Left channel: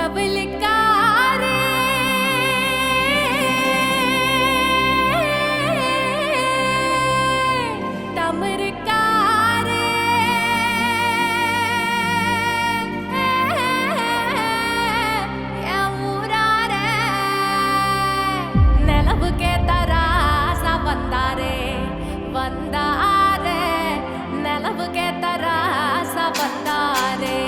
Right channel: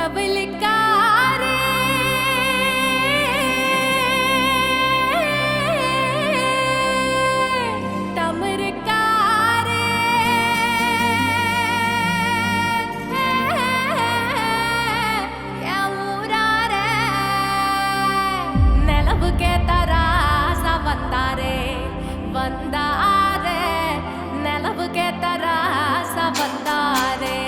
தவளுக்காரே தமருக்காரே என் ஊராரே நிலவுக்கே தராசா வந்தாரே வந்தாரே நிலவுக்கே தராசா வந்தாரே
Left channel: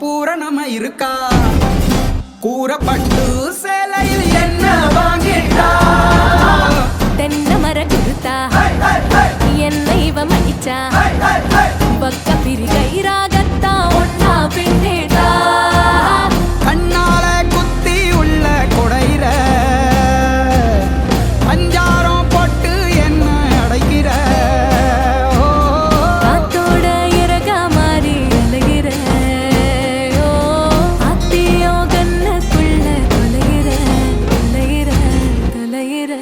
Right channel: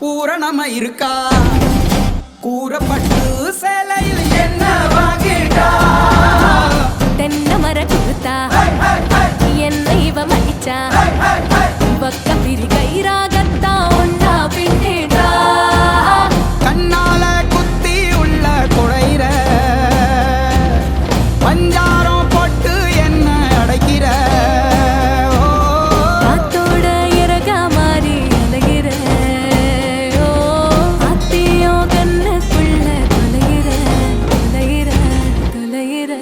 பூரணமா இருக்கா கூறப்பட்டு சேலையில் என்ன வாங்கிட்டா தென்னை மர குருத்தா என்ன இவ மடிச்சா பக்க பிரி கைராகத்தா ஒன்னா பின்னேட்டா கண்ணால குத்தி உள்ள குடையிற பஞ்சாரம் போட்டு என்ன அடைகிற காத்தோட இறக மாறி அலைகிற அத்தியோ கண்ணுக்குள்ள தொலைகிற தொலைகிற தொலைகிற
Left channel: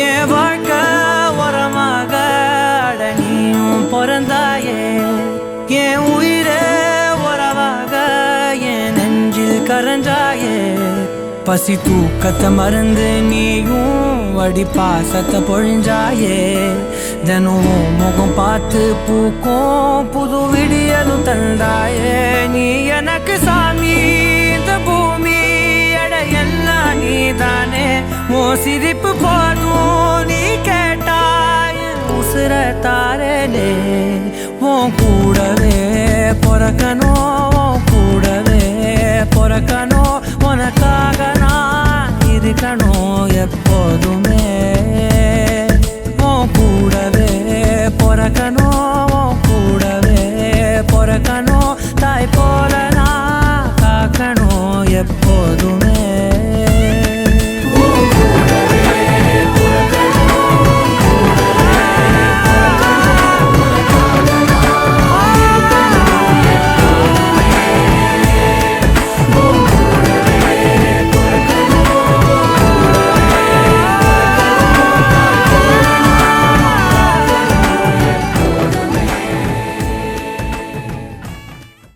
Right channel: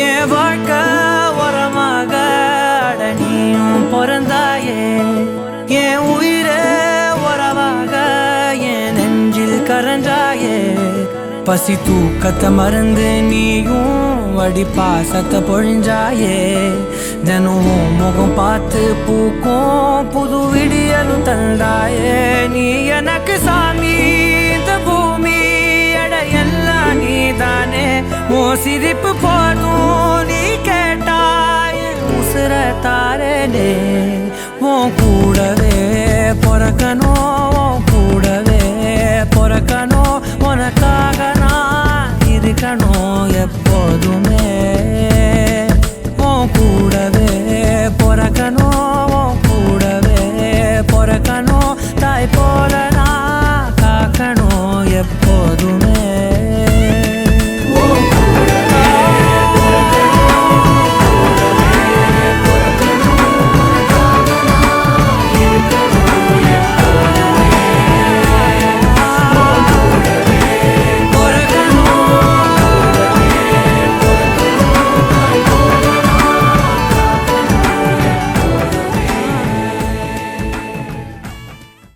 என் வாழ்க்கை உரமாக அடனியும் பிறந்தாயே என் உயிரே உறவாக என் நெஞ்சில் கரஞ்சாயே பசி தூக்கத்தை மறந்து நீயும் வடி பாசத்தை பொழிஞ்சாயே தினம் முகம் பார்த்து பூக்கும் புது விடியலும் தந்தாயே நீ எனக்கு சாமி இந்த பூமி எல்லாம் நீ தானே ஓ சிரிப்பு போதும் நீ கேட்டாய் உசுர தாரே உன் கூடவே பொறக்கணும் உன் கூடவே பொறக்கணும் உனக்காக நான் இருக்கணும் எப்போதுமே உன் கூடவே பொறக்கணும் உன் கூடவே பொறக்கணும்